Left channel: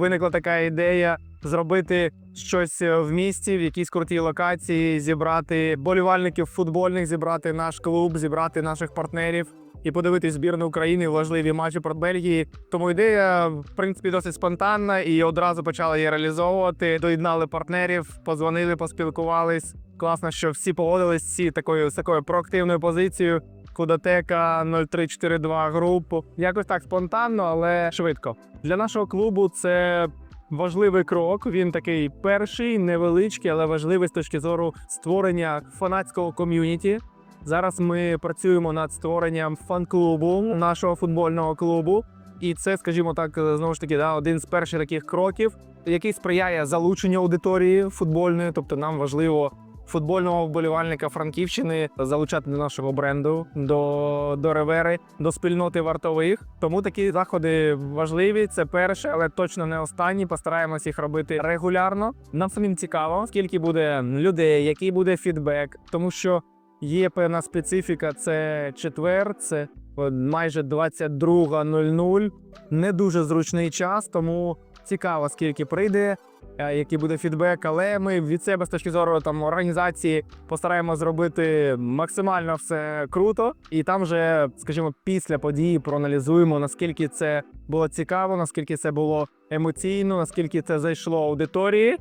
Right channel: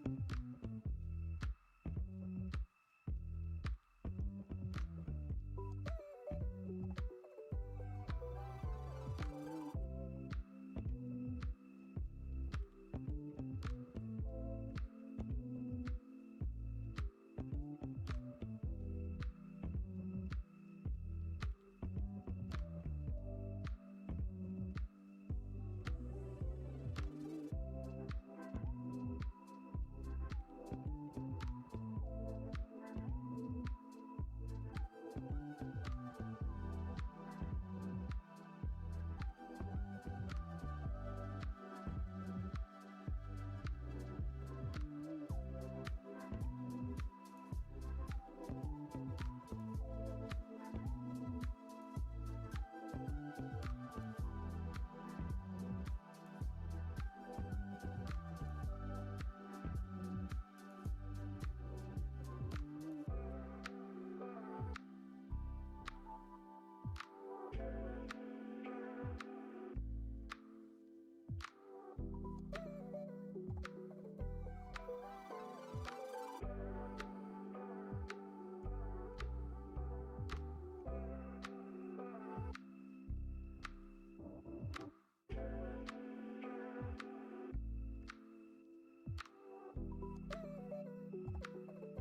виникла така ідея зробити щось е, в місті, в якійсь крутій локації, зібрати болівальників футбольних, зібрати наш клуб, зібрати наших партнерів і подивитись збірну України важливі матчі проти Бельгії. Тому ідея, в принципі, досить спонтанна і одразу почали її реалізовувати. Доєднали партнерів, позвонили, поспілкувались. Класно, що всі погодились всі такою з такою проактивною позицією. Кудотека 0342 групу. Якось так спонтанно, але швидко. Для нашого клубу це важливий крок. Він такий перший, невеличкий, але важливий з точки зору створення фанатського ком'юніті. Зараз ми працюємо над створенням фан-клубу нашого футбольного клубу. І це, скажімо так, знову ж таки, да, один з перших таких кроків, який сприяє залученню аудиторії футбольної. Тобто нам важливо футбольного вболівальника Франківщини залучати до нашого бренду, до, до ревери, до спільноти вартових. Тому такі заходи важливі. Це перше, але точно не останні. Постараємось їх робити регулярно. Нам самим цікаво, скільки буде людей, який буде фідбек, тому що. Є певна специфіка, це четвер, це майже 22.00. Не дуже зручний час, тому цікаво, скільки прийде, е, який буде фідбек. Але ми від себе з точки зору там організації постараємося зробити максимально все круто. І там вже, скажімо, після події проаналізуємо, наскільки це було цікаво, наскільки це було емоційно, наскільки це зайшло аудиторії.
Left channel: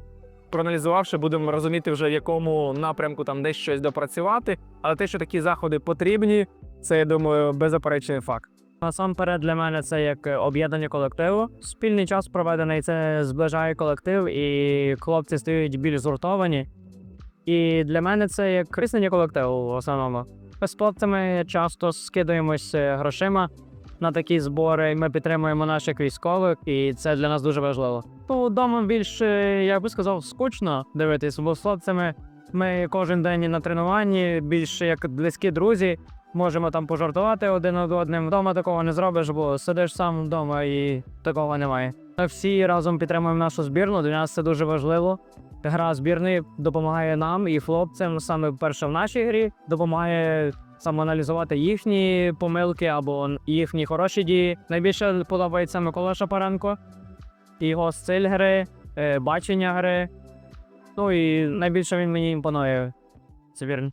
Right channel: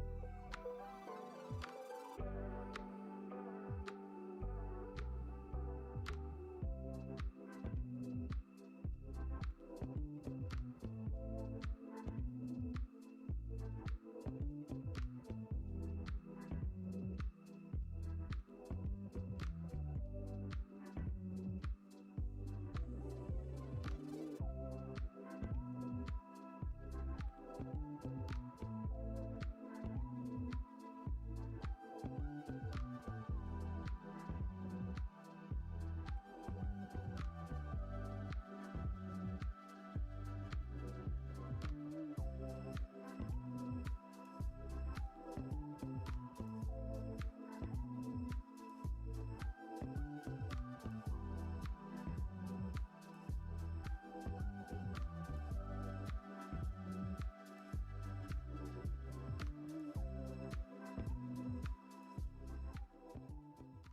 Проаналізувавши, будемо розуміти вже в якому напрямку там десь щось допрацювати. Але те, що такі заходи потрібні, це я думаю беззаперечний факт. Насамперед для мене це як е, об'єднання колективу. Спільний час проведений це зближає колектив, і хлопці стають більш згуртовані. І для мене це як кріснення колективу в основному. Ми з хлопцями часто скидаємось е, грошима на такі збори. і Ми підтримуємо наших військових, і це для нас дуже важливо. Ну, вдома більш, е, я би сказав, скучно дивитись, бо з хлопцями ми кожен день на тренуванні, більш як близькі друзі. Можемо там пожартувати один над одним. Вдома такого не зробиш, бо сидиш сам вдома і такого немає. Ми всі разом підтримуємо нашу збірну. Для нас це дуже важливо. Гра збірної допомагає нам і хлопцям саме перше в нашій грі, допомагає самоаналізувати їхні помилки або їхні хороші дії. Найбільше подобається Микола Шапаренко, його стиль гри, е, бачення гри. Ну і найбільше він мені імпонує. Це.